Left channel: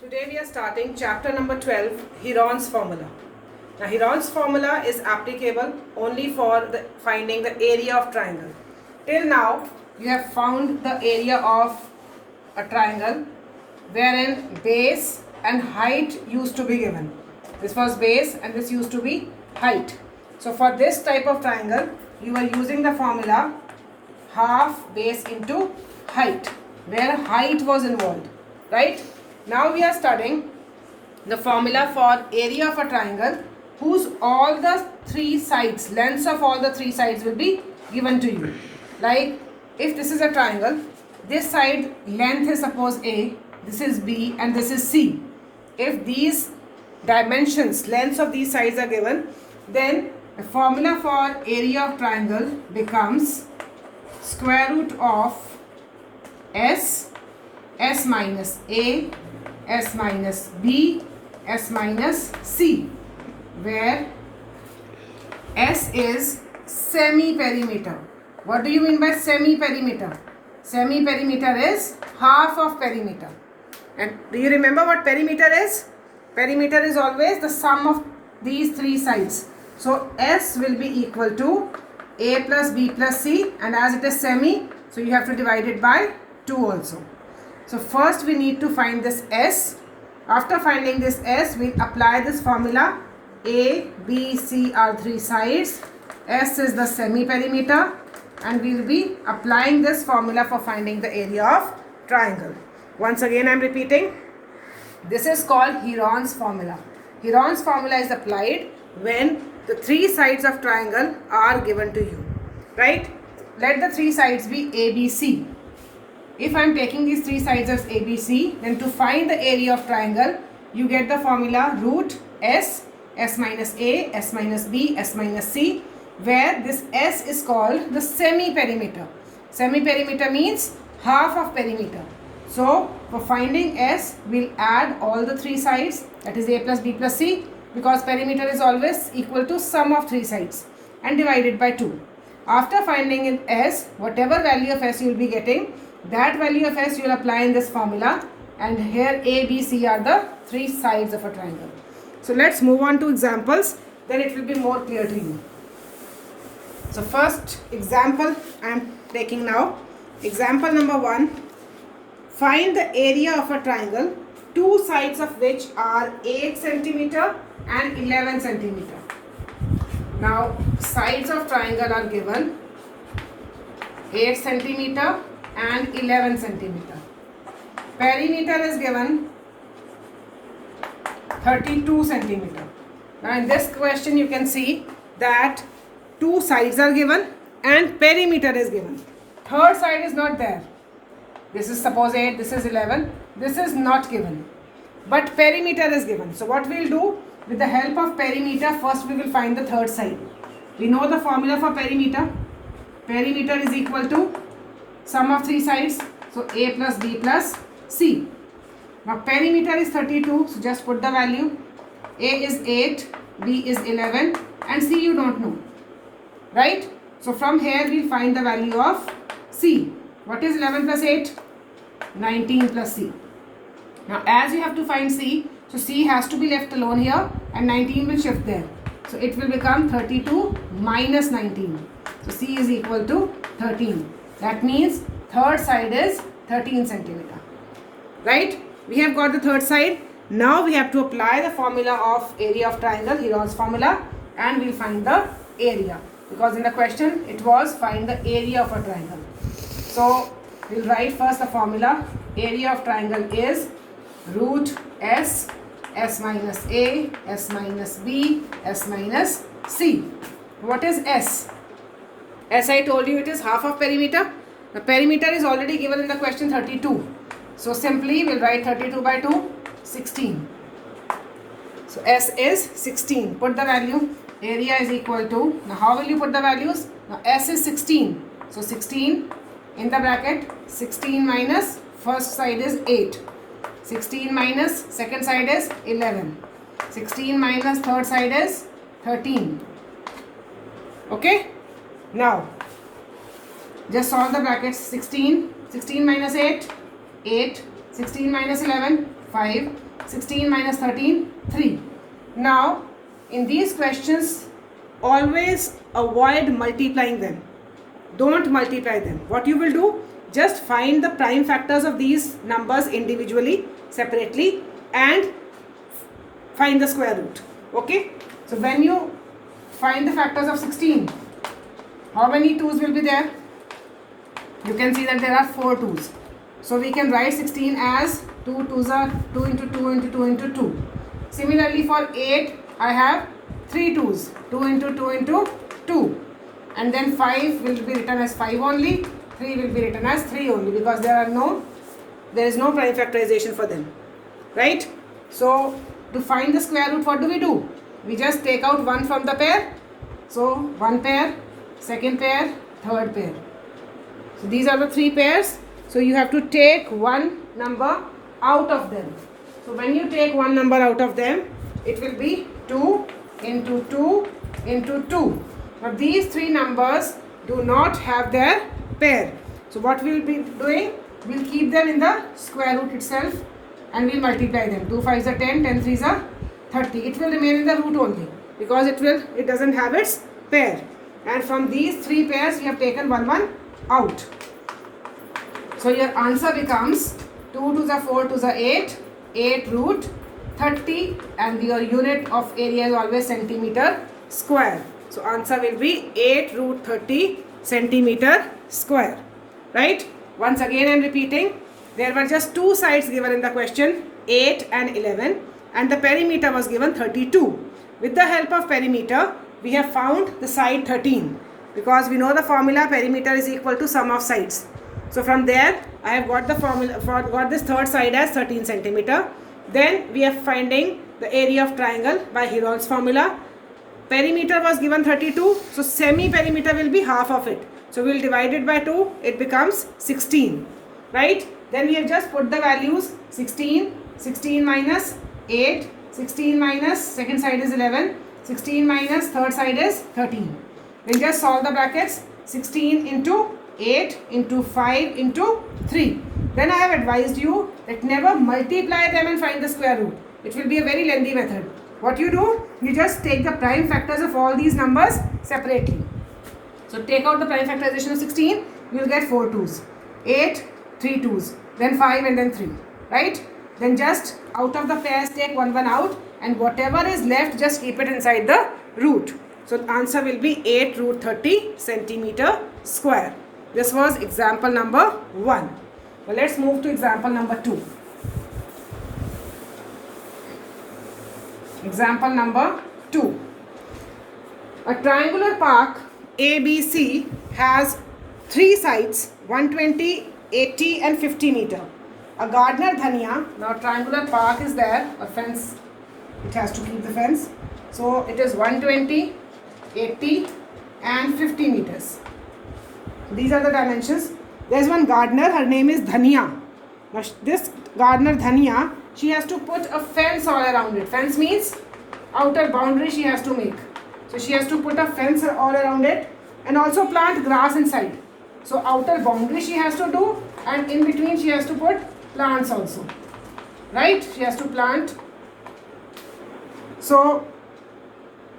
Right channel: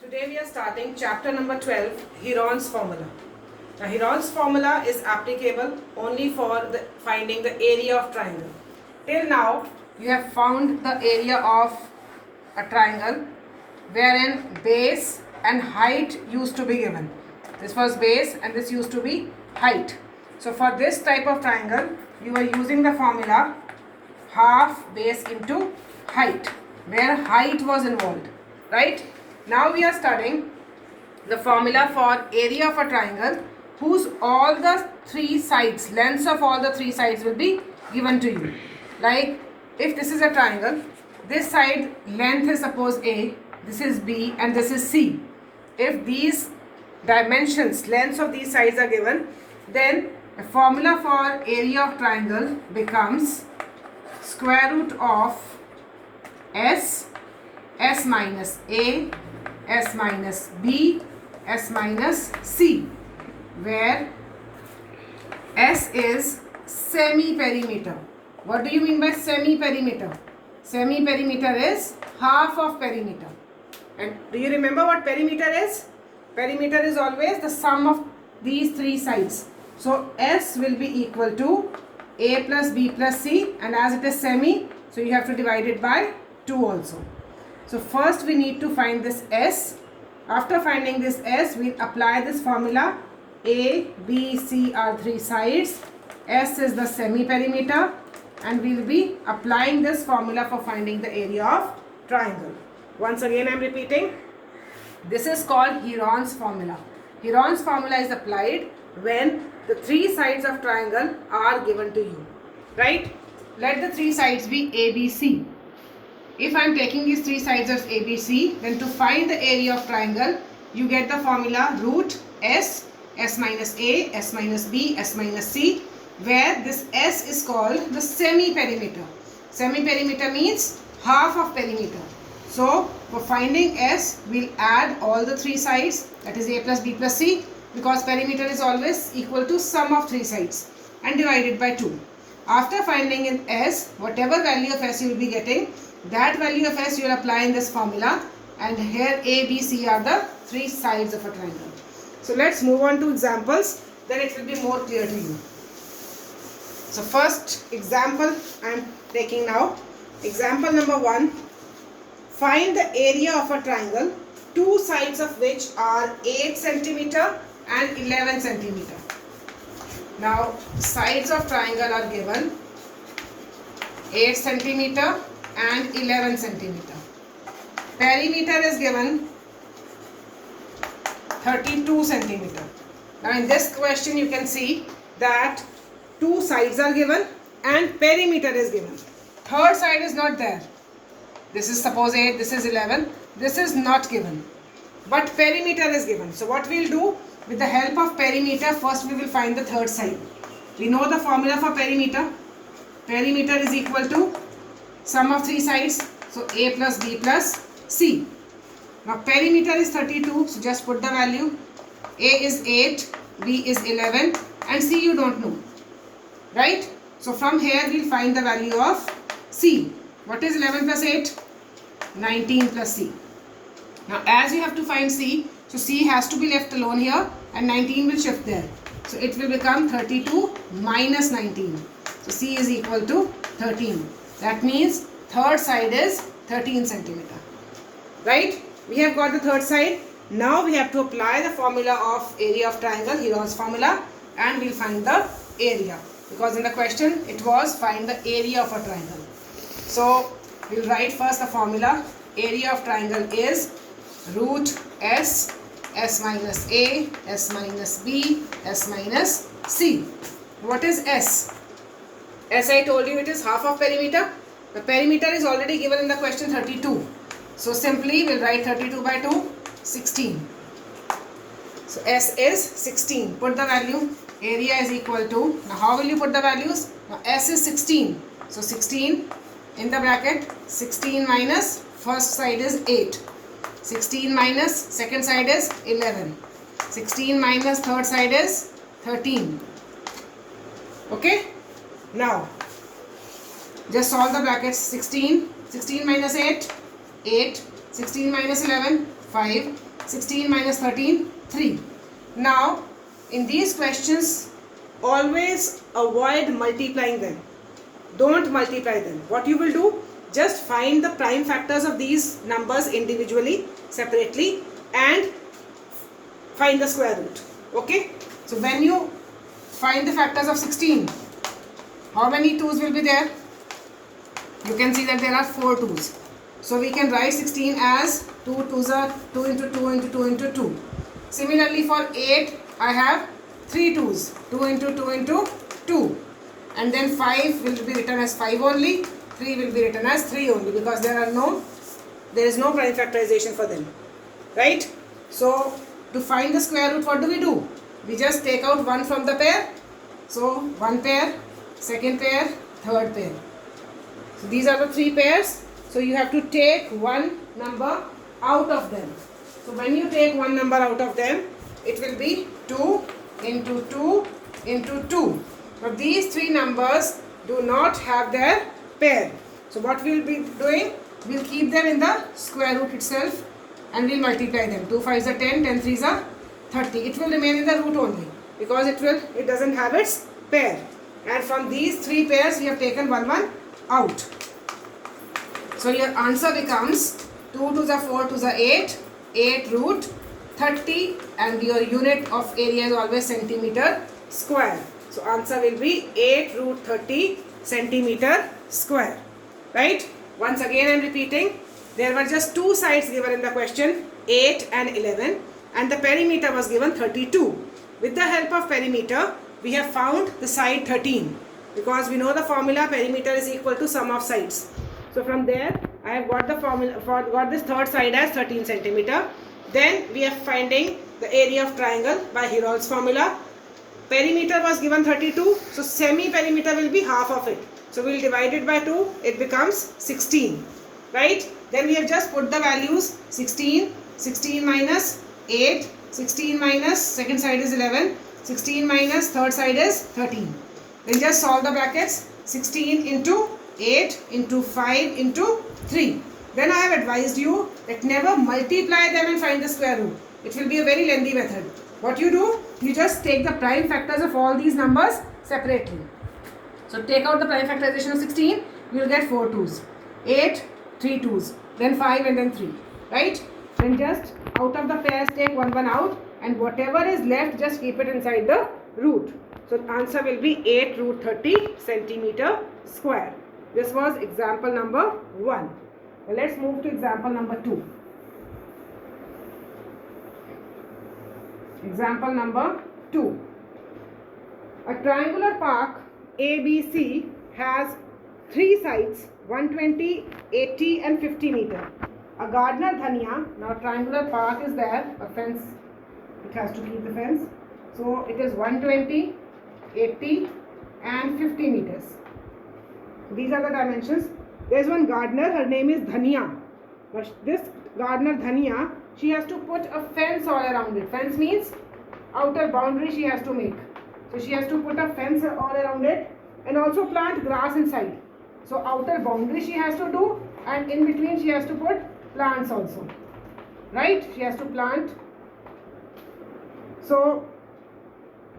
Today we are starting chapter number 12, Heron's formula. Now Heron's formula is applicable only for finding the area of triangle. Till now you have found the area of a triangle wherein base and height used to be given. This was base and this used to be height. So for this type of triangle you are using the formula half base into height, where height was involved, right? Now we are studying the formula for area of a triangle whose all the three sides, lengths of all the three sides will be given to you. Like if this is a triangle, this side length is suppose A, this is B and this is C. If these dimensions, lengths of these sides are given, then the formula for area of triangle becomes square root of S minus A, S minus B, S minus C, where S is semi-perimeter. What do you mean by semi-perimeter? Semi-perimeter is half of perimeter. And do you remember what perimeter is? Perimeter is always the sum of these three sides. So S will be equal to A plus B plus C, and as it is semi, so you have to divide it by 2 also. So first we need to find this S. After finding this S, we apply this formula. A, B, C are three sides. S is the semi-perimeter, and we will be applying this formula for finding the area of triangle. Once again I am repeating. This is called Heron's formula. Heron's formula is applied when the three sides of triangle are given to you, right? Let the three sides be ABC. If I am taking these three sides as ABC, then to find the area of triangle, you get the formula root S, S minus A, S minus B, S minus C, where this S is called the semi-perimeter. Semi-perimeter means half of perimeter. So for finding S, we'll add all the three sides, that is A plus B plus C, because perimeter is always equal to sum of three sides, and divided by 2. After finding in S, whatever value of S you will be getting, that value of S you will apply in this formula, and here A, B, C are the three sides of a triangle. So let's move on to examples, then it will be more clear to you. So first example I am taking now. Example number 1. Find the area of a triangle, two sides of which are 8 centimeter and 11 centimeter. Now sides of triangle are given 8 centimeter and 11 centimeter. Perimeter is given 32 centimeter. Now in this question you can see that two sides are given and perimeter is given. Third side is not there. This is suppose 8, this is 11. This is not given. But perimeter is given. So what we will do, with the help of perimeter, first we will find the third side. We know the formula for perimeter. Perimeter is equal to sum of three sides. So A plus B plus C. Now perimeter is 32. So just put the value. A is 8, B is 11 and C you don't know. Right? So from here we will find the value of C. What is 11 plus 8? 19 plus C. Now as you have to find C, so C has to be left alone here and 19 will shift there. So it will become 32 minus 19. So C is equal to 13. That means third side is 13 centimeter. Right? We have got the third side. Now we have to apply the formula of area of triangle, Heron's formula, and we will find the area. Because in the question it was find the area of a triangle. So we will write first the formula. Area of triangle is root S, S minus A, S minus B, S minus C. What is S? As I told you, it is half of perimeter. The perimeter is already given in the question 32. So simply we will write 32 by 2, 16. So S is 16. Put the value. Area is equal to, now how will you put the values? Now S is 16. So 16 in the bracket, 16 minus first side is 8. 16 minus second side is 11. 16 minus third side is 13. Okay? Now, just solve the brackets. 16 minus 8, 8. 16 minus 11, 5. 16 minus 13, 3. Now, in these questions, always avoid multiplying them. Don't multiply them. What you will do, just find the prime factors of these numbers individually, separately, and find the square root. Okay? So when you find the factors of 16, how many 2's will be there? You can see that there are 4 2's. So we can write 16 as 2 2's are 2 into 2 into 2 into 2. Similarly for 8, I have 3 2's. 2 into 2 into 2. And then 5 will be written as 5 only. 3 will be written as 3 only, because there is no prime factorization for them. Right? So to find the square root, what do? We just take out 1 from the pair. So 1 pair, second pair, third pair. So these are the 3 pairs. So you have to take one number out of them. So when you take one number out of them, it will be 2 into 2 into 2. Now these 3 numbers do not have their pair. So what we will be doing, we will keep them in the square root itself and we will multiply them. 2 5's are 10, 10 3's are 30. It will remain in the root only because it doesn't have its pair. And from these 3 pairs we have taken 1 out. So your answer becomes 2 2's are 4, 2's are 8, 8 root 30, and your unit of area is always centimeter square. So answer will be 8 root 30 centimeter square. Right? Once again I am repeating, there were just 2 sides given in the question, 8 and 11, and the perimeter was given 32. With the help of perimeter, we have found the side 13, because we know the formula perimeter is equal to sum of sides. So from there, I have got the formula for got this third side as 13 centimeter. Then we are finding the area of triangle by Heron's formula. Perimeter was given 32, so semi-perimeter will be half of it. So we will divide it by 2, it becomes 16. Right? Then we have just put the values 16, 16 minus 8, 16 minus second side is 11, 16 minus third side is 13. We'll just solve the brackets. 16 into 8 into 5 into 3. Then I have advised you that never multiply them and find the square root. It will be a very lengthy method. What you do, you just take the prime factors of all these numbers separately. So take out the prime factorization of 16, you will get 4 2's. 8, 3 2's. Then 5 and then 3. Right? Then just out of the pairs take 1 out, and whatever is left just keep it inside the root. So the answer will be 8 root 30 centimeter square. This was example number 1. Well, let's move to example number 2. Example number 2. A triangular park ABC has 3 sides, 120, 80 and 50 meter. A gardener dhania, now triangular park is there, a fence, it has to keep the fence. So it is 120, 80 and 50 meters. These are the dimensions. There is one gardener, her name is Dhania. Now this gardener Dhania, she has to put a fence all around it. Fence means outer boundary she has to make. So she has to put a fence all around it and also plant grass inside. So outer boundary she has to do, and in between she has to put plants also. Right? She has to plant. So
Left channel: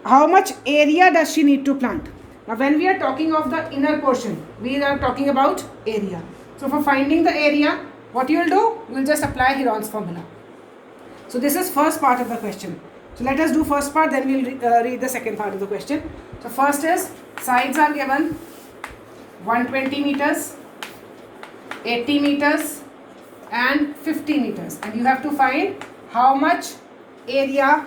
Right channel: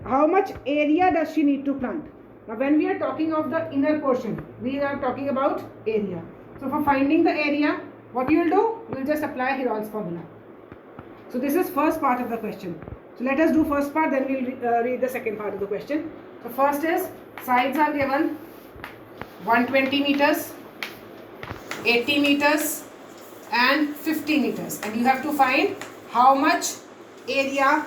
how much area does she need to plant? Now when we are talking of the inner portion, we are talking about area. So for finding the area, what you will do? You will just apply Heron's formula. So this is first part of the question. So let us do first part, then we will read the second part of the question. So first is, sides are given 120 meters, 80 meters and 50 meters. And you have to find how much area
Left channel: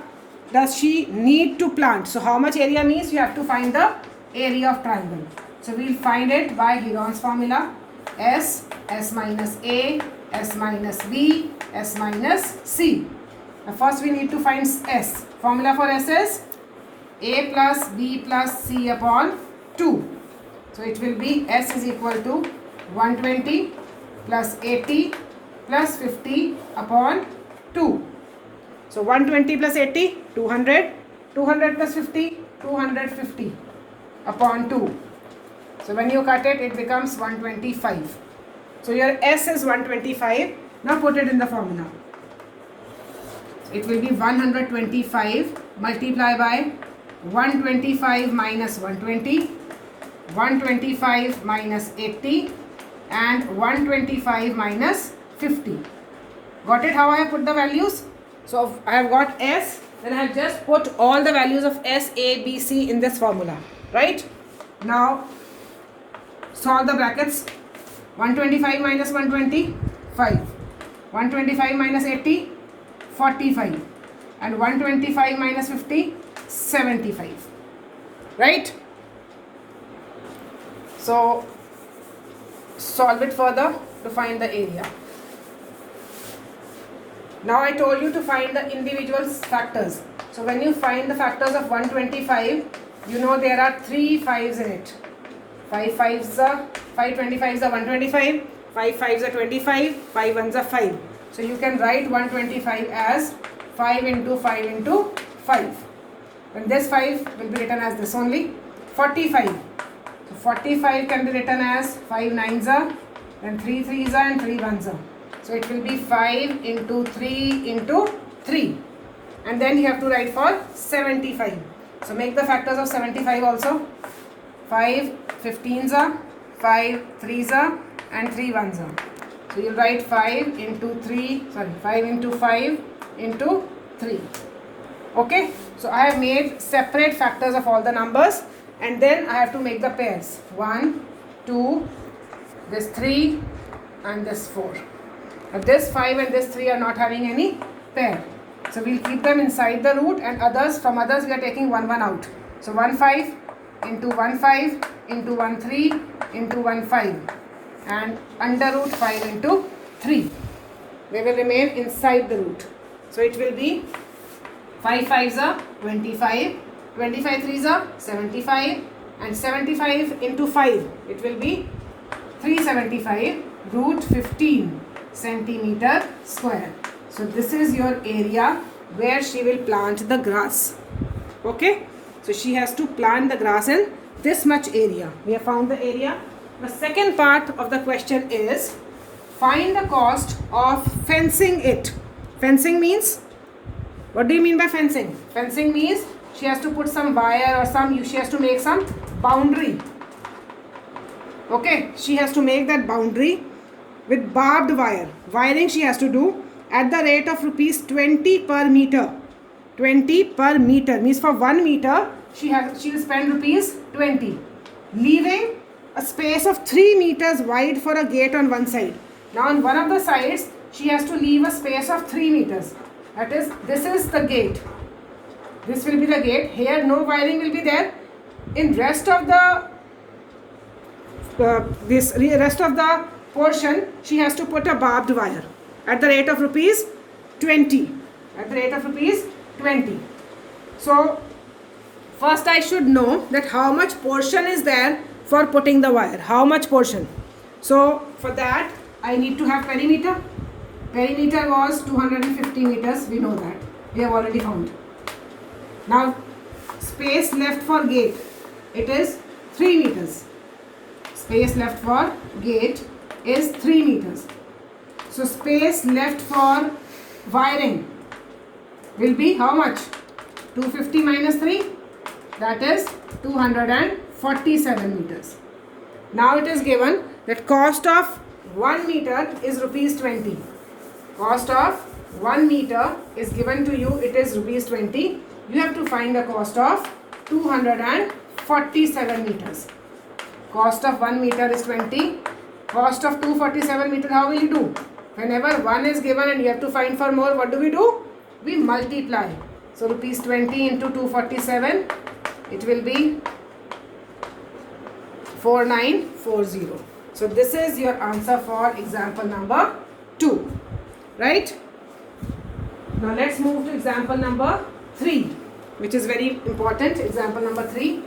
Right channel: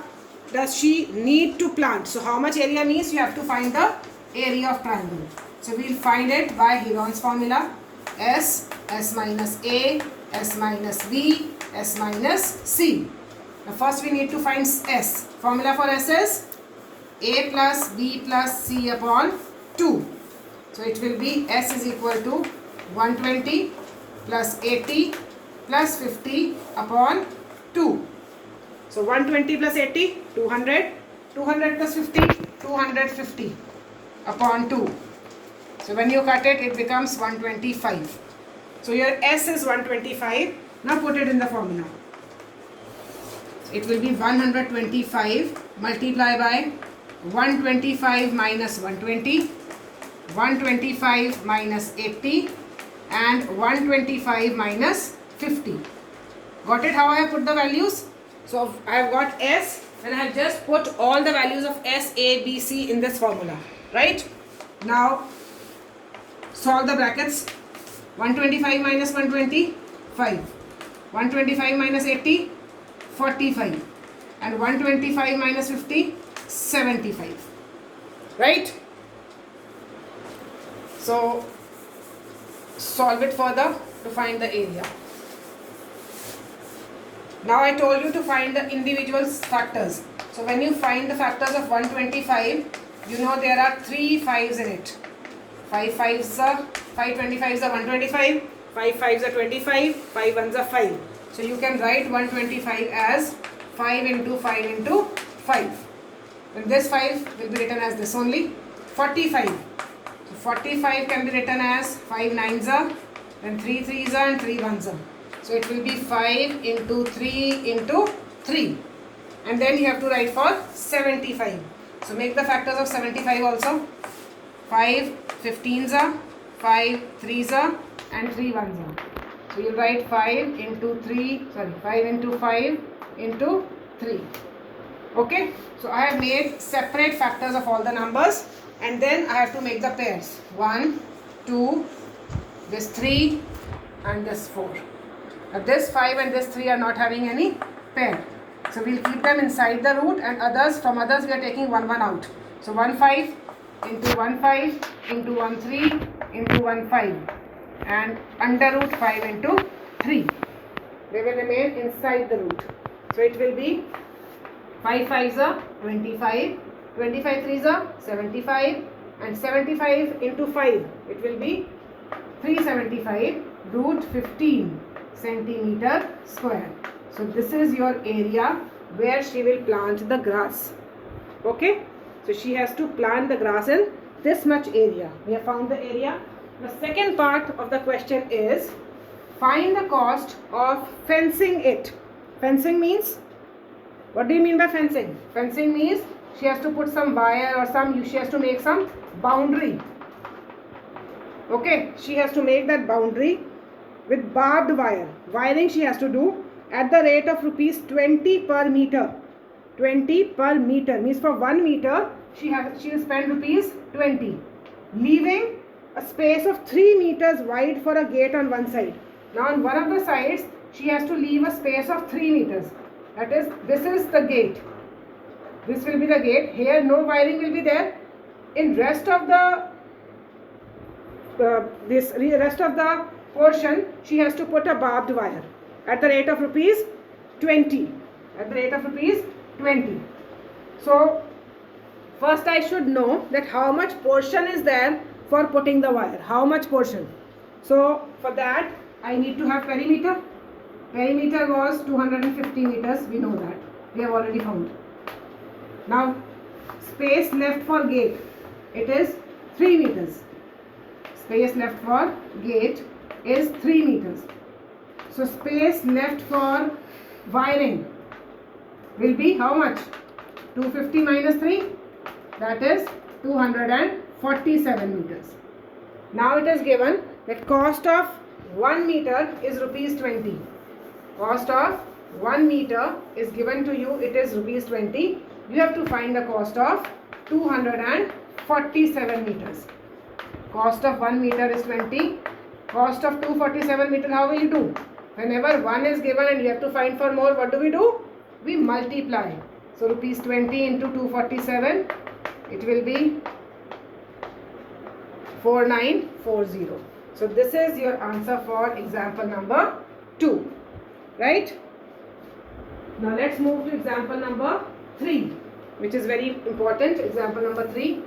does she need to plant. So how much area means you have to find the area of triangle. So we will find it by Heron's formula. S minus A, S minus B, S minus C. Now first we need to find S. Formula for S is A plus B plus C upon 2. So it will be S is equal to 120 plus 80 plus 50 upon 2. So 120 plus 80, 200. 200 plus 50, 250 upon 2. So when you cut it, it becomes 125. So your S is 125. Now put it in the formula. it will be 125 multiply by 125 minus 120, 125 minus 80 and 125 minus 50. Got it how I have put the values? So I have got S when I have just put all the values of S, A, B, C in this formula, right? Now solve the brackets. 125 minus 120, 5. 125 minus 80, 45. And 125 minus 50, 75. Right? So solve it further to find the area. Now I told you to find the individual factors. So when you find the factors of 125, you know there are 3 5s in it. 5 5s are 525s are 125, 5 5s are 25, 5 1s are 5. So you can write 125 as 5 into 5 into 5. And this 5 will be written as this only. 45. So 45 can be written as 5 9s are, and 3 3s are and 3 1s are. So it will be 5 into 3 into 3. And then you have to write for 75. So make the factors of 75 also. 5 15s are, 5 3s are and 3 1s are. So you'll write 5 into 5 into 5 into 3. Okay. So I have made separate factors of all the numbers, and then I have to make the pairs. 1, 2, this 3 and this 4. But this 5 and this 3 are not having any pair. So we'll keep them inside the root, and from others we are taking 1 1 out. So 1 5 into 1 5 into 1 3 into 1 5 and under root 5 into 3. They will remain inside the root. So it will be 5 5s are 25, 25 3s are 75 and 75 into 5. It will be 375 root 15 centimeter square. So this is your area where she will plant the grass. Okay. So she has to plant the grass in this much area. We have found the area. The second part of the question is find the cost of fencing it. Fencing means, what do you mean by fencing? Fencing means she has to put some wire or she has to make some boundary. Okay, she has to make that boundary with barbed wire. Wiring she has to do at the rate of rupees 20 per meter. 20 per meter means for 1 meter she will spend rupees 20, leaving a space of 3 meters wide for a gate on one side. Now on one of the sides she has to leave a space of 3 meters. That is, this is the gate. This will be the gate. Here no wiring will be there. In rest of the rest of the portion she has to put a barbed wire at the rate of rupees 20. At the rate of rupees 20. So first I should know that how much portion is there for putting the wire. How much portion? So for that I need to have perimeter. Perimeter was 250 meters. We know that. We have already found. Now space left for gate. It is 3 meters. Space left for gate is 3 meters. So space left for wiring will be how much? 250 minus 3, that is 247 meters. Now it is given that cost of 1 meter is rupees 20. Cost of 1 meter is given to you, it is rupees 20. You have to find the cost of 247 meters. Cost of 1 meter is 20. Cost of 247 meter, how will you do? Whenever 1 is given and you have to find for more, what do? We multiply. So rupees 20 into 247, it will be 4940. So this is your answer for example number 2. Right? Now let's move to example number 3, which is very important. Example number 3.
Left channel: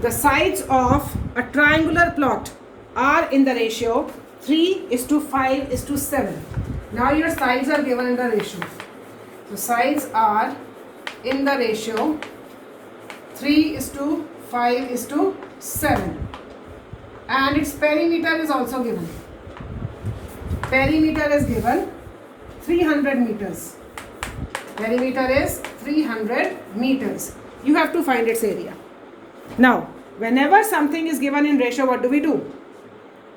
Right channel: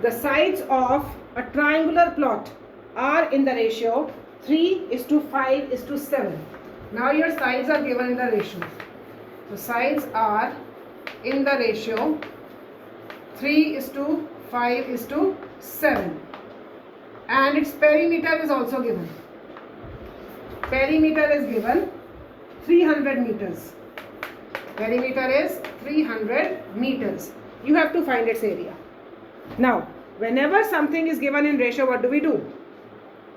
The sides of a triangular plot are in the ratio 3:5:7. Now your sides are given in the ratio. So sides are in the ratio 3:5:7, and its perimeter is also given. Perimeter is given 300 meters. Perimeter is 300 meters. You have to find its area. Now, whenever something is given in ratio, what do?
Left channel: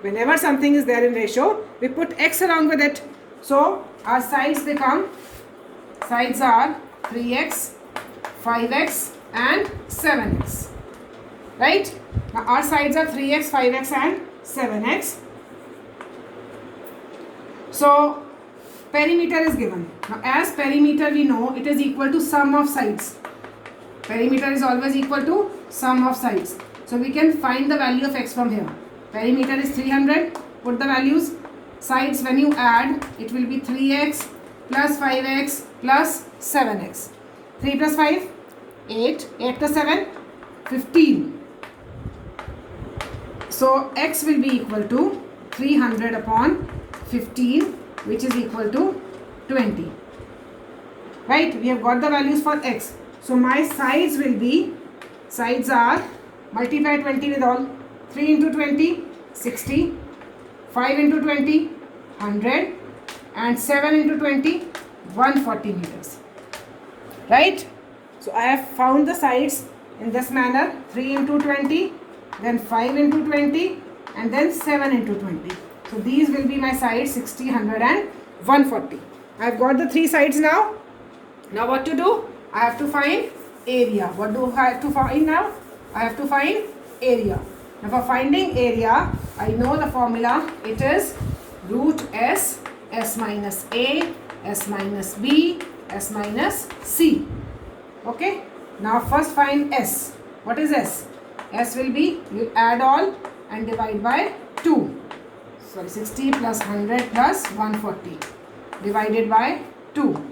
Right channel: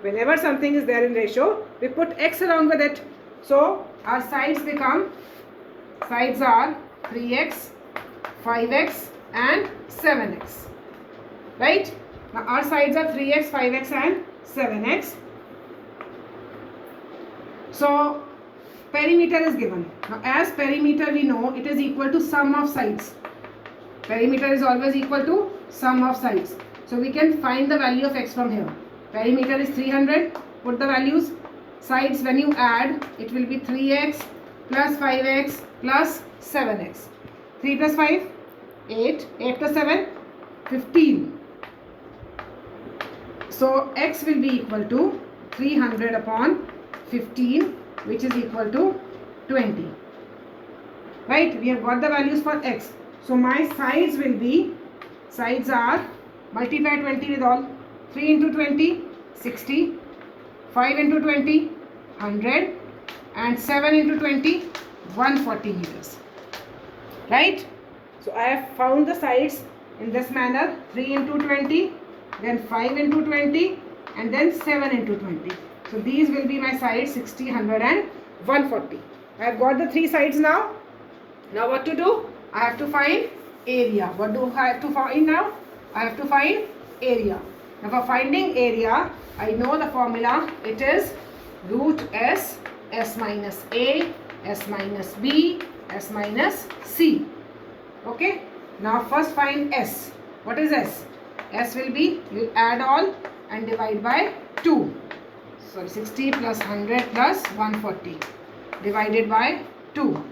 Whenever something is there in ratio, we put x along with it. So, our sides are 3x, 5x and 7x. Right? Now, our sides are 3x, 5x and 7x. So, perimeter is given. Now, as perimeter we know it is equal to sum of sides. Perimeter is always equal to sum of sides. So, we can find the value of x from here. Perimeter is 300. Put the values. Sides when you add, it will be 3x plus 5x plus 7x. 3 plus 5, 8. 8 plus 7, 15. So, x will be equal to 300 upon 15, which is equal to 20. Right? We have got the values for x. So, my sides are, multiply 20 with all. 3 into 20, 60. 5 into 20, 100. And 7 into 20, 140 meters. Right? So, I have found the sides in this manner. 3 into 20, then 5 into 20, and then 7 into 20. So, these will be my sides 60, 100 and 140. I have got the three sides now. Now, what to do? I have to find area. What do I have to find now? I have to find area. Now, for finding area, I know the formula. It is root S, S minus A, S minus B, S minus C. Okay. Now, first find S. What is S? S will be, you add all and divide by 2. So, 60 plus 100 plus 140 divided by 2.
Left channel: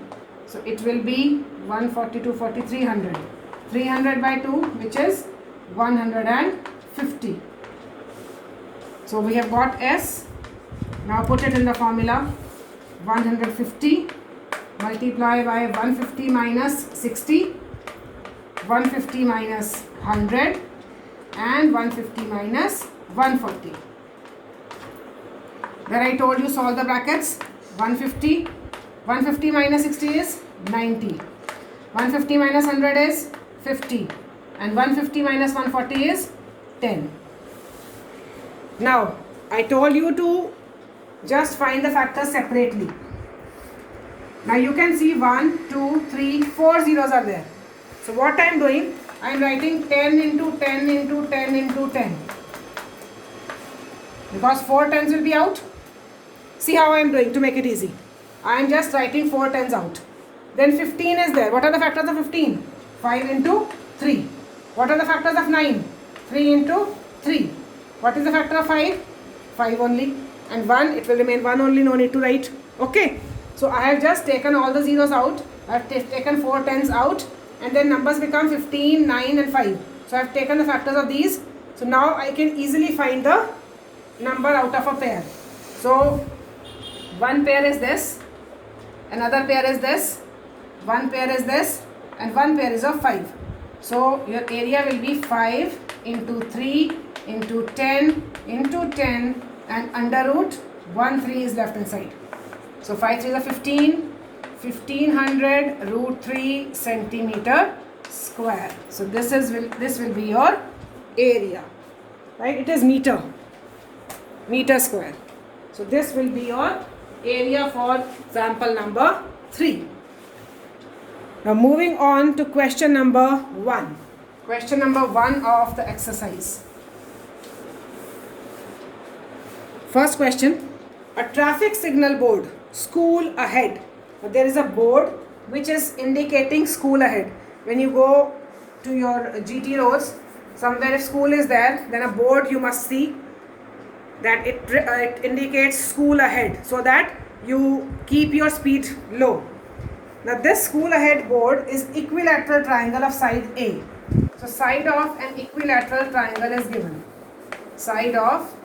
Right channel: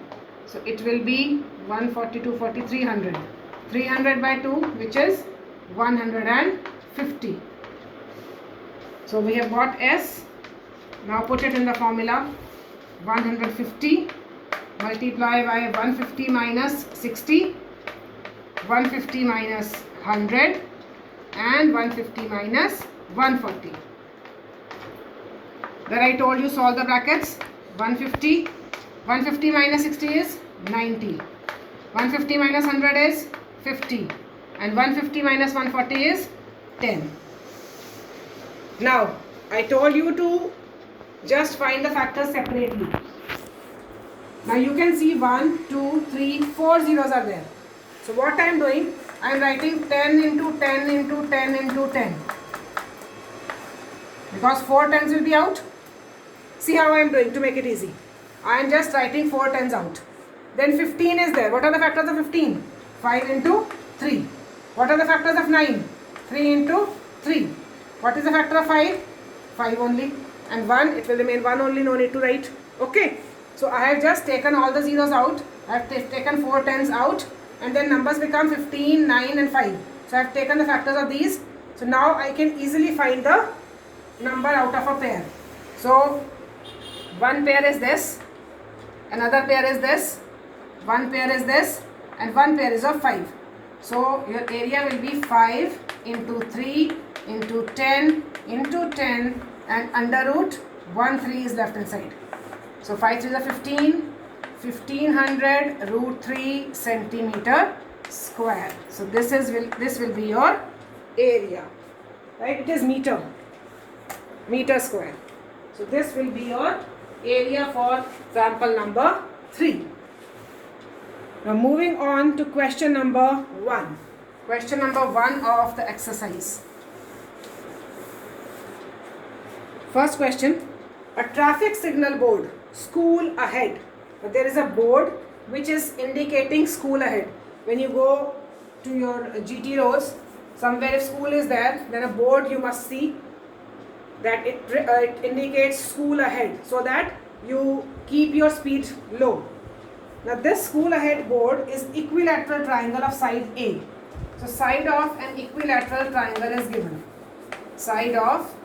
So, it will be 140, 240, 300. 300 by 2, which is 150. So, we have got S. Now, put it in the formula. 150 multiply by 150 minus 60. 150 minus 100 and 150 minus 140. There I told you solve the brackets. 150 minus 60 is 90. 150 minus 100 is 50. And 150 minus 140 is 10. Now, I told you to just find the factors separately. Now, you can see 1, 2, 3, 4 zeros are there. So, what I am doing? I am writing 10 into 10 into 10 into 10. Because 4 tens will be out. See how I am doing to make it easy. I am just writing 4 tens out. Then 15 is there. What are the factors of 15? 5 into 3. What are the factors of 9? 3 into 3. What is the factor of 5? 5 only. And 1, it will remain 1 only, no need to write. Okay. So, I have just taken all the zeros out. I have taken 4 tens out. And then numbers become 15, 9 and 5. So, I have taken the factors of these. So, now I can easily find the number out of a pair. So, one pair is this. Another pair is this. One pair is this. And one pair is of 5. So, your area will be 5 into 3 into 10 into 10 and under root 1 3 is left inside. So, 5 3 is 15. 1500 root 3 centimeter square. So, this will be your area. Right? It is meter square. So, this will be your area for example number 3. Now, moving on to question number 1. Question number 1 of the exercise. First question. A traffic signal board, school ahead. Now, there is a board which is indicating school ahead. When you go to your GT roads, somewhere if school is there, then a board you must see that it indicates school ahead, so that you keep your speed low. Now, this school ahead board is equilateral triangle of side A. So, side of an equilateral triangle is given. Side of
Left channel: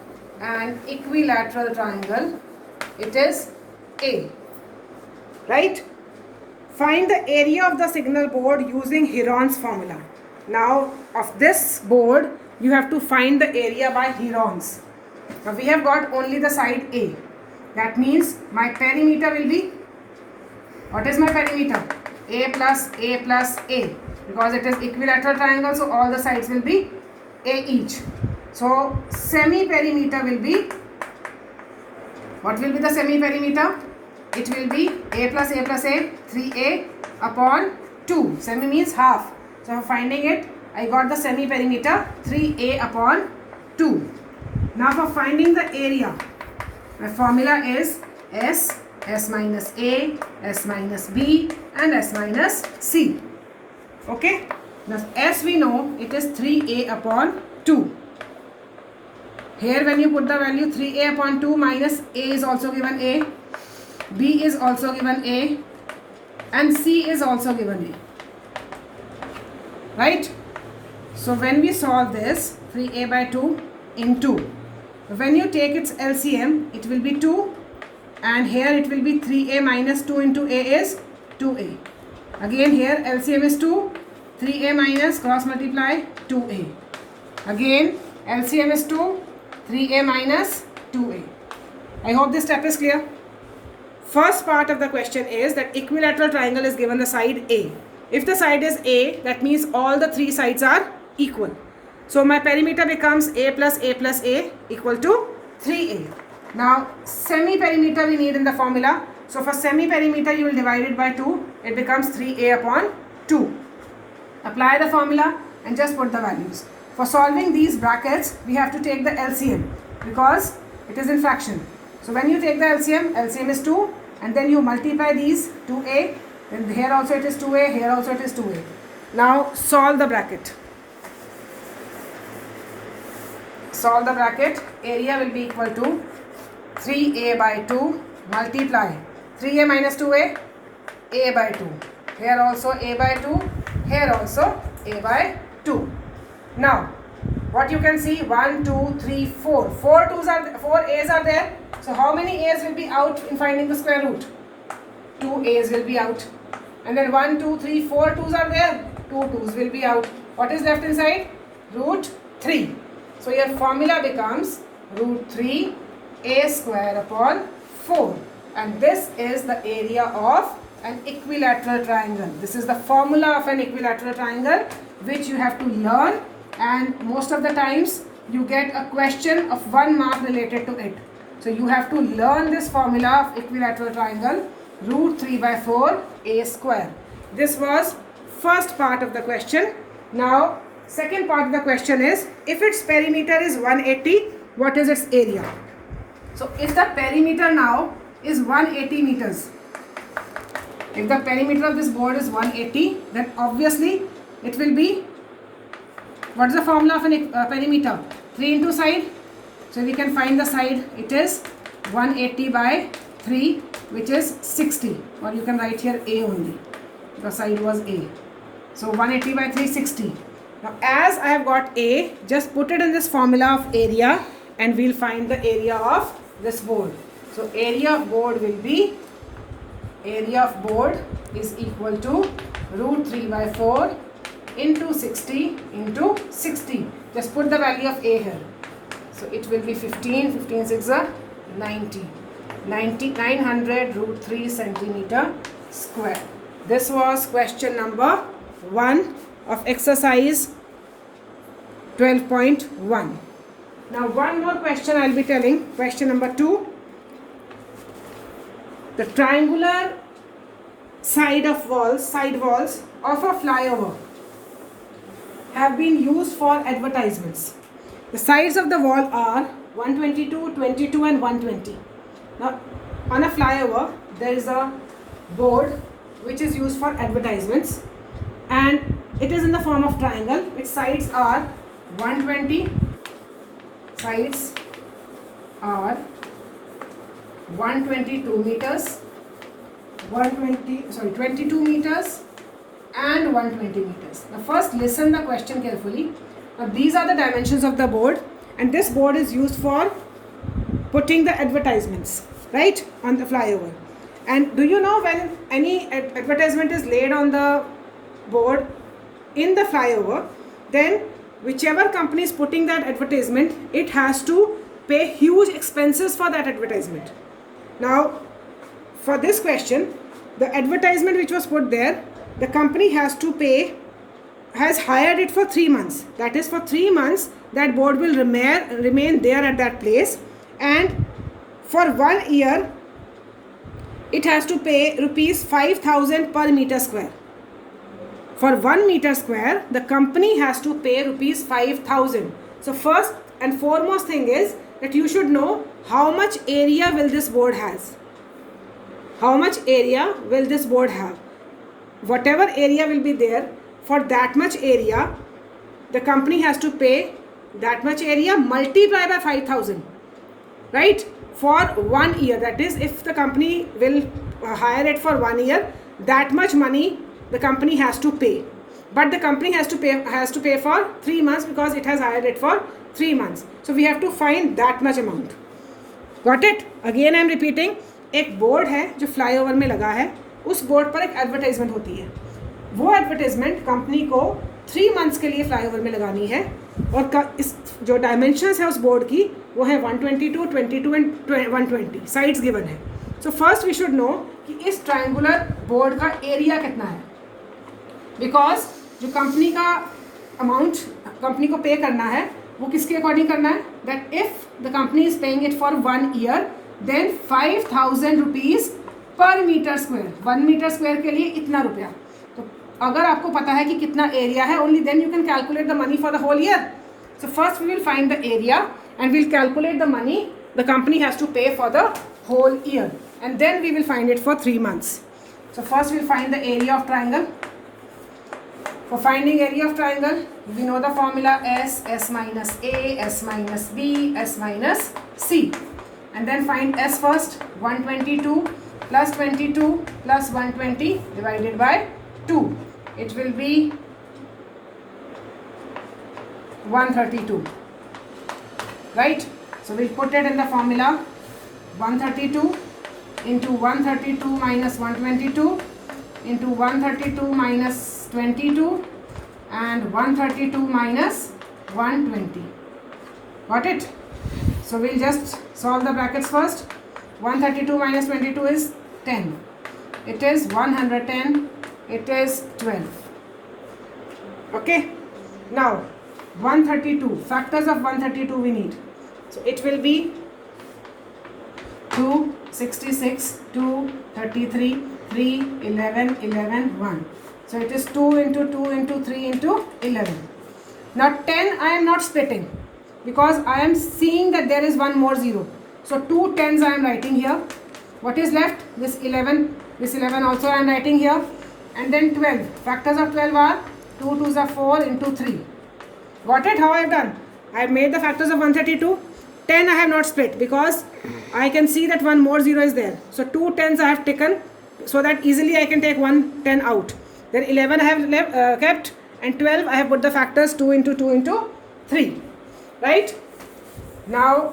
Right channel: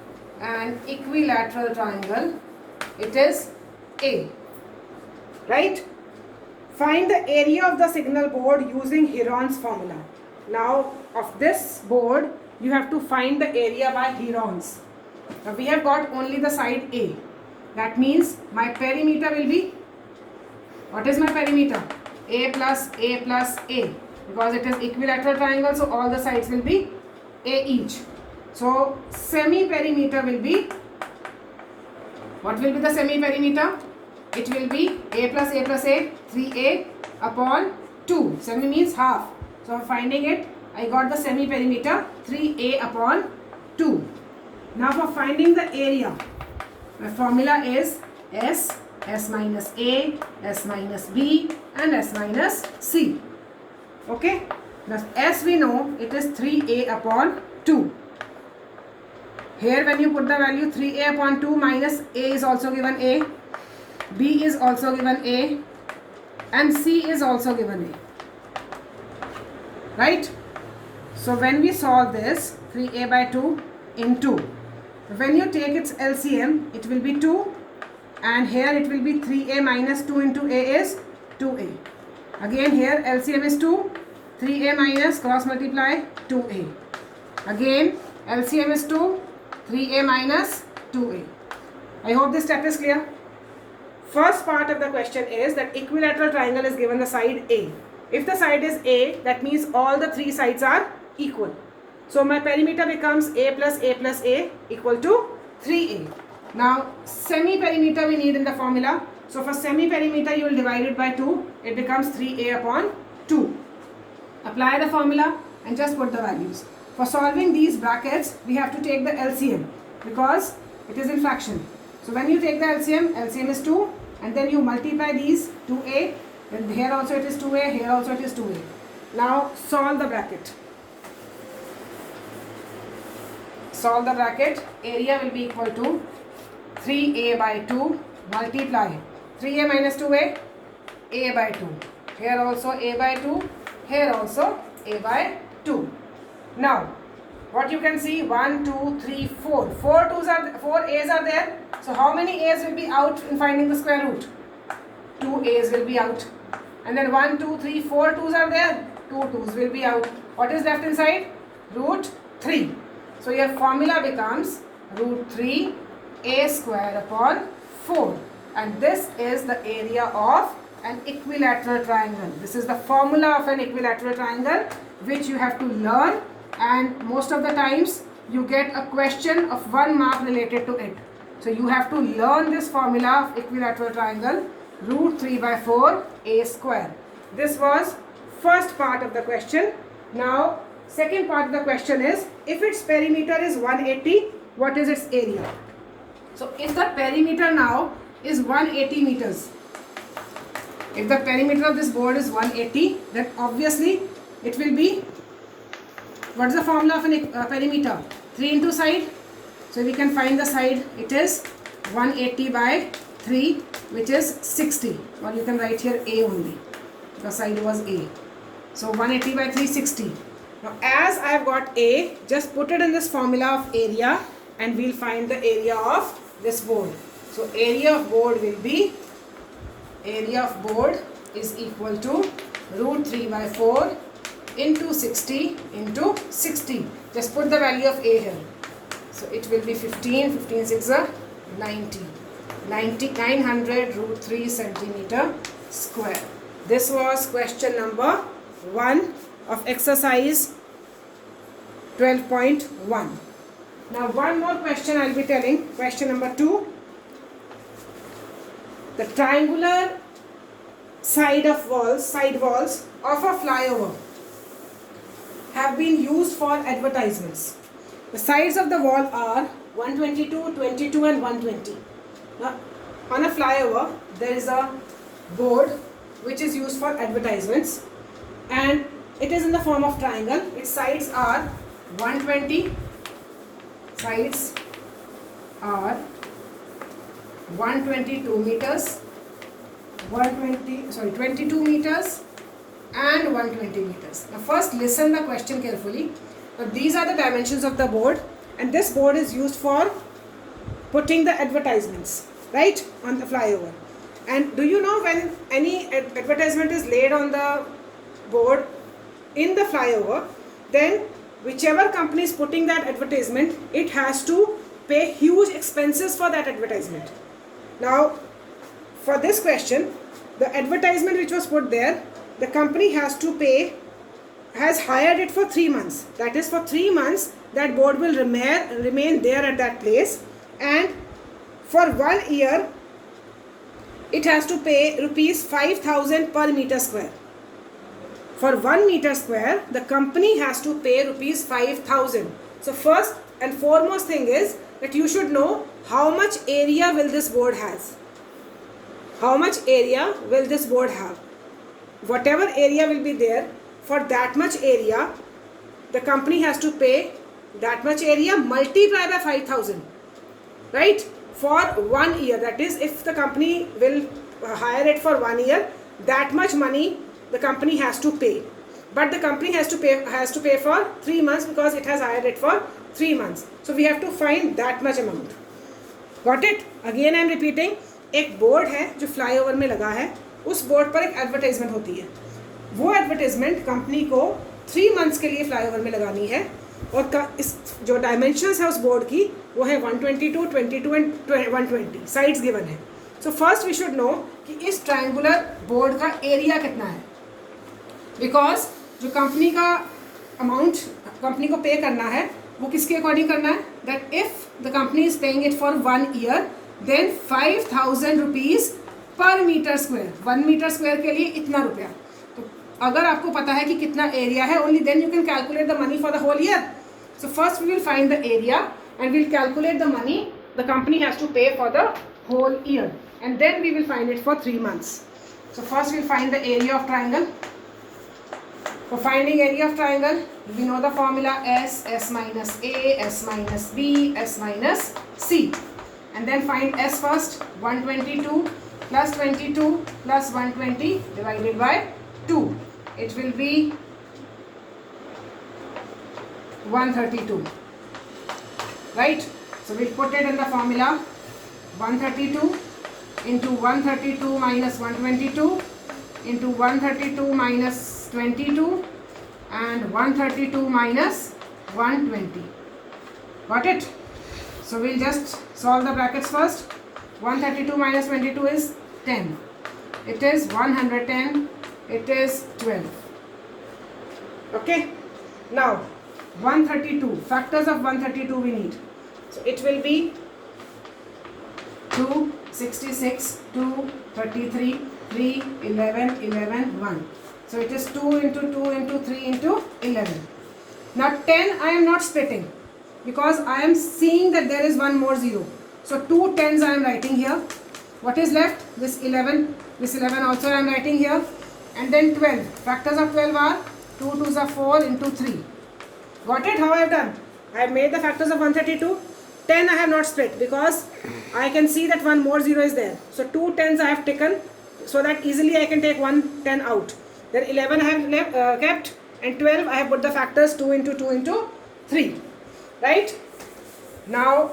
an equilateral triangle, it is A. Right? Find the area of the signal board using Heron's formula. Now, of this board, you have to find the area by Heron's. Now, we have got only the side A. That means my perimeter will be What is my perimeter? A plus A plus A, because it is equilateral triangle, so all the sides will be A each. So semi-perimeter will be, what will be the semi-perimeter? It will be A plus A plus A, 3A upon 2. Semi means half. So for finding it, I got the semi-perimeter 3A upon 2. Now for finding the area, my formula is S minus A, S minus B and S minus C. Okay? Now S we know it is 3A upon 2. Here when you put the value 3A upon 2 minus A is also given A, B is also given A and C is also given A. Right? So when we solve this 3A by 2 into, when you take its LCM, it will be 2 and here it will be 3A minus 2 into A is 2A. Again here LCM is 2, 3A minus cross multiply 2A. Again LCM is 2, 3A minus 2A. I hope this step is clear. First part of the question is that equilateral triangle is given the side A. If the side is A, that means all the three sides are equal. So my perimeter becomes A plus A equal to 3A. Now semi-perimeter we need in the formula. So for semi-perimeter you will divide it by 2. It becomes 3A upon 2. Apply the formula and just put the values. For solving these brackets, we have to take the LCM because it is in fraction. So when you take the LCM, LCM is 2 and then you multiply these 2A, then here also it is 2A, here also it is 2A. Now solve the bracket. Solve the bracket. Area will be equal to 3A by 2 multiply 3A minus 2A, A by 2. Here also A by 2, here also A by 2. Now, what you can see, 1, 2, 3, 4. 4 A's are there. So, how many A's will be out in finding the square root? 2 A's will be out. And then 1, 2, 3, 4 2's are there. 2 2's will be out. What is left inside? Root 3. So, your formula becomes root 3 A square upon 4. And this is the area of an equilateral triangle. This is the formula of an equilateral triangle which you have to learn. And most of the times you get a question of 1 mark related to it. So you have to learn this formula of equilateral triangle, root 3 by 4 A square. This was first part of the question. Now second part of the question is, if its perimeter is 180, what is its area? So if the perimeter now is 180 meters, if the perimeter of this board is 180, then obviously it will be, what is the formula of a perimeter? 3 into side. So we can find the side. It is 180 by 3, which is 60. Or you can write here A only. The side was A. So 180 by 3, 60. Now as I have got A, just put it in this formula of area and we'll find the area of this board. So area of board will be, area of board is equal to root 3 by 4 into 60 into 60. Just put the value of A here. So it will be 15, 15 6 are 90. 900 root 3 centimeter square. This was question number 1 of exercise 12.1. Now one more question I will be telling. Question number 2. The triangular side walls of a flyover have been used for advertisements. The sides of the wall are 122, 22 and 120. Now on a flyover there is a board which is used for advertisements and it is in the form of triangle. Its sides are 120, sides are 122 meters, 22 meters and 120 meters. Now first listen the question carefully. Now these are the dimensions of the board and this board is used for putting the advertisements, right, on the flyover. And do you know when any advertisement is laid on the board in the flyover, then whichever company is putting that advertisement, it has to pay huge expenses for that advertisement. Now for this question, the advertisement which was put there, the company has hired it for 3 months. That is, for 3 months that board will remain there at that place, and for 1 year it has to pay rupees 5,000 per meter square. For 1 meter square, the company has to pay rupees 5,000. So first and foremost thing is that you should know how much area will this board has. How much area will this board have? Whatever area will be there, for that much area, the company has to pay that much area multiplied by 5,000. Right? For 1 year. That is, if the company will hire it for 1 year, that much money the company has to pay. But the company has to pay for 3 months because it has hired it for 3 months. So we have to find that much amount. Got it? Again I am repeating. एक board है जो flyover में लगा है, उस board पर एक advertisement होती है. वो एडवर्टाइजमेंट कंपनी को 3 मंथ्स के लिए फ्लाईओवर में लगानी है, और इस जो डायमेंशंस है उस बोर्ड की वो है 122, 22 एंड 120. साइड्स गिवन है. So first we should know कि इस ट्रायंगुलर बोर्ड का एरिया कितना है, बिकॉज जो कंपनी का अमाउंट कंपनी को पे करना है वो किसके अकॉर्डिंग करना है, that if the company is paying it for 1 year then 5,000 rupees per metre square. 1 metre square के लिए इतना रुपया. तो अगर आपको पता है कि कितना एरिया है, only then you can calculate the money for the whole year. So first we will find the area and will calculate the money the company has to pay for the whole year, and then we will find it for 3 months. So first we will find the area of triangle. For finding area of triangle, we know the formula S minus A, S minus B, S minus C. And then find S first. 122 plus 22 plus 120 divided by 2. It will be 132. Right? So we put it in the formula. 132 into 132 minus 122 into 132 minus 22 and 132 minus 120. Got it? So we'll just solve the brackets first. 132 minus 22 is 10. It is 110. It is 12. Okay? Now 132. Factors of 132 we need. So it will be 2, 66, 2, 33, 3, 11, 11, 1. So it is 2 into 2 into 3 into 11. Now 10 I am not splitting because I am seeing that there is one more 0. So 2 tens I am writing here. What is left? This 11. This 11 also I am writing here. And then 12. Factors of 12 are 2 2s are 4 into 3. Got it? How I have done? I have made the factors of 132. 10 I have not split because I can see that one more 0 is there. So 2 tens I have taken so that easily I can take 1 10 out. Then 11 I have kept, and 12 I have put the factors 2 into 2 into 3. Right? Now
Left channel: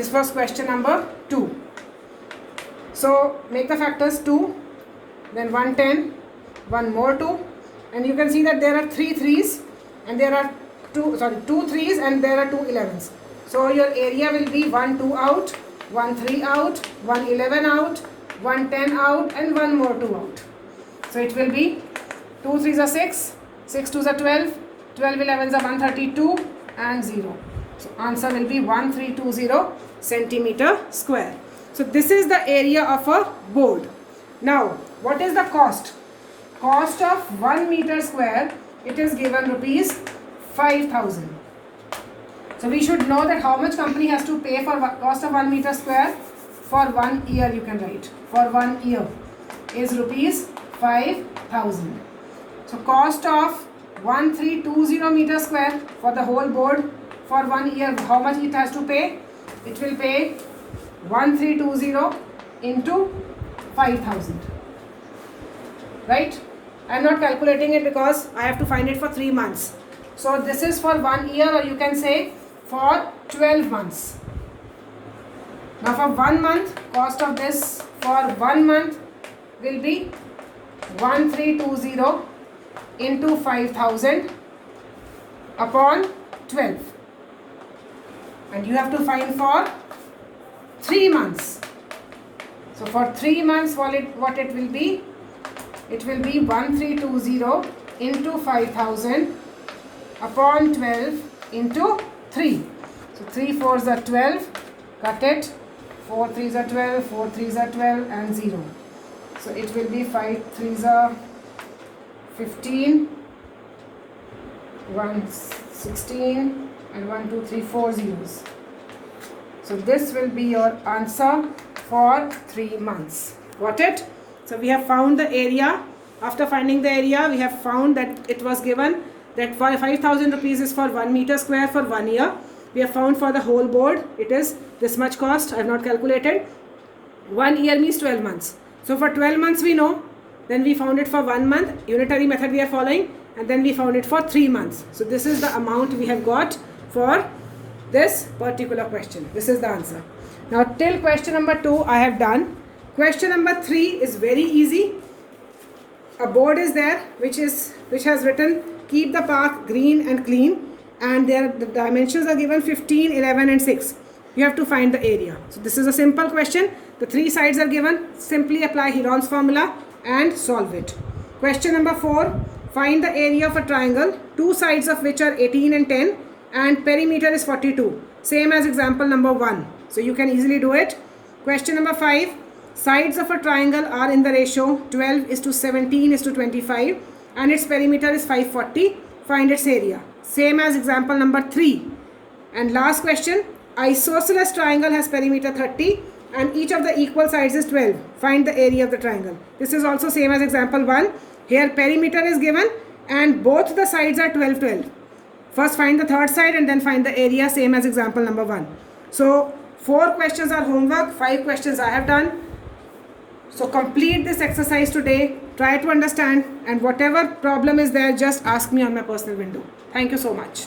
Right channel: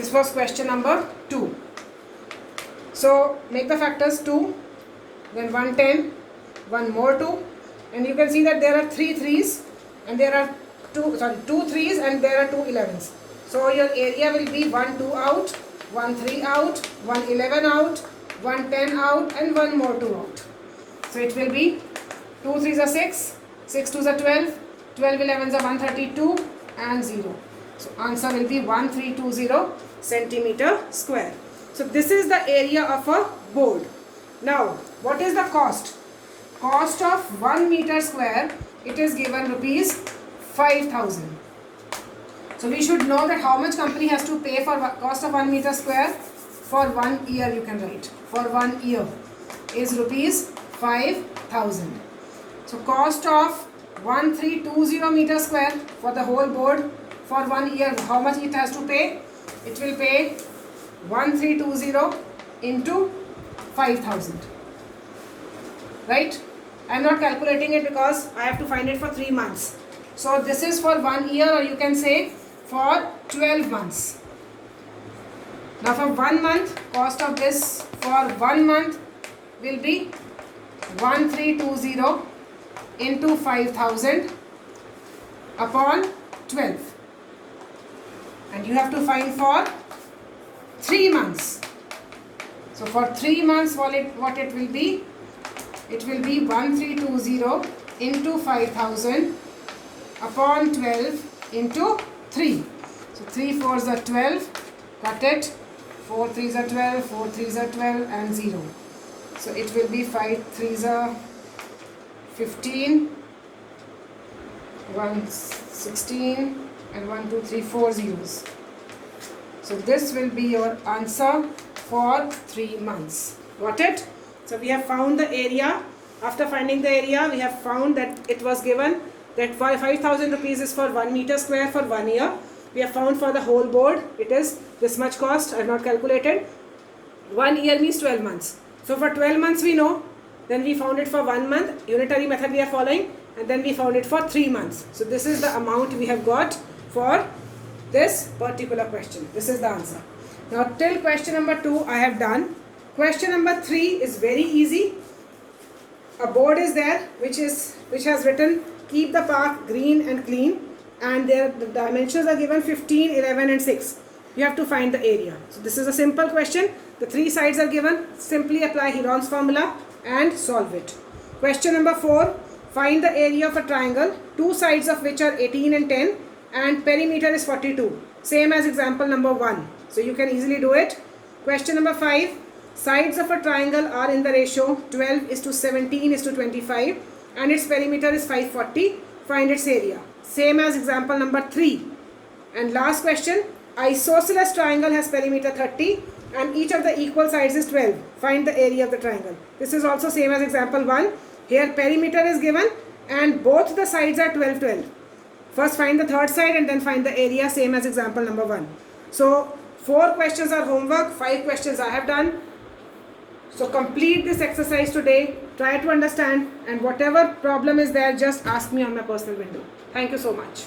this was question number 2. So make the factors 2, then 110, one more 2, and you can see that there are 3 3s and there are 2 3s and there are 2 11s. So your area will be 1 2 out, 1 3 out, 1 11 out, 1 10 out, and one more 2 out. So it will be 2 3s are 6, 6 2s are 12, 12 11s are 132 and 0. So answer will be 1320 centimeter square. So this is the area of a board. Now what is the cost? Cost of 1 meter square, it is given rupees 5,000. So we should know that how much company has to pay for cost of 1 meter square for 1 year. You can write for 1 year is rupees 5,000. So cost of 1320 meter square for the whole board for 1 year. How much it has to pay? It will pay 1320 into 5,000. Right? I am not calculating it because I have to find it for 3 months. So this is for 1 year, or you can say for 12 months. Now for 1 month, cost of this for 1 month will be 1320 into 5,000 upon 12. And you have to find for 3 months. So for 3 months, what it will be? It will be 1320 into 5000 upon 12 into 3. So 3 4s are 12, cut it, 4 3s are 12, 4 3s are 12 and 0. So it will be 5 3s are 15, 1 16 and 1 2 3 4 zeros. So this will be your answer for 3 months. Got it? So we have found the area. After finding the area, we have found that it was given that 5,000 rupees is for 1 meter square for 1 year. We have found for the whole board, it is this much cost. I have not calculated. 1 year means 12 months. So for 12 months we know. Then we found it for 1 month. Unitary method we are following. And then we found it for 3 months. So this is the amount we have got for this particular question. This is the answer. Now till question number 2 I have done. Question number 3 is very easy. A board is there which has written keep the park green and clean, and the dimensions are given 15, 11 and 6. You have to find the area. So this is a simple question. The 3 sides are given. Simply apply Heron's formula and solve it. Question number 4. Find the area of a triangle, 2 sides of which are 18 and 10 and perimeter is 42. Same as example number 1. So you can easily do it. Question number 5. Sides of a triangle are in the ratio 12 is to 17 is to 25 and its perimeter is 540. Find its area. Same as example number 3. And last question. Isosceles triangle has perimeter 30 and each of the equal sides is 12. Find the area of the triangle. This is also same as example 1. Here perimeter is given and both the sides are 12, 12. First find the third side and then find the area, same as example number 1. So 4 questions are homework, 5 questions I have done. So complete this exercise today, try to understand, and whatever problem is there, just ask me on my personal window. Thank you so much.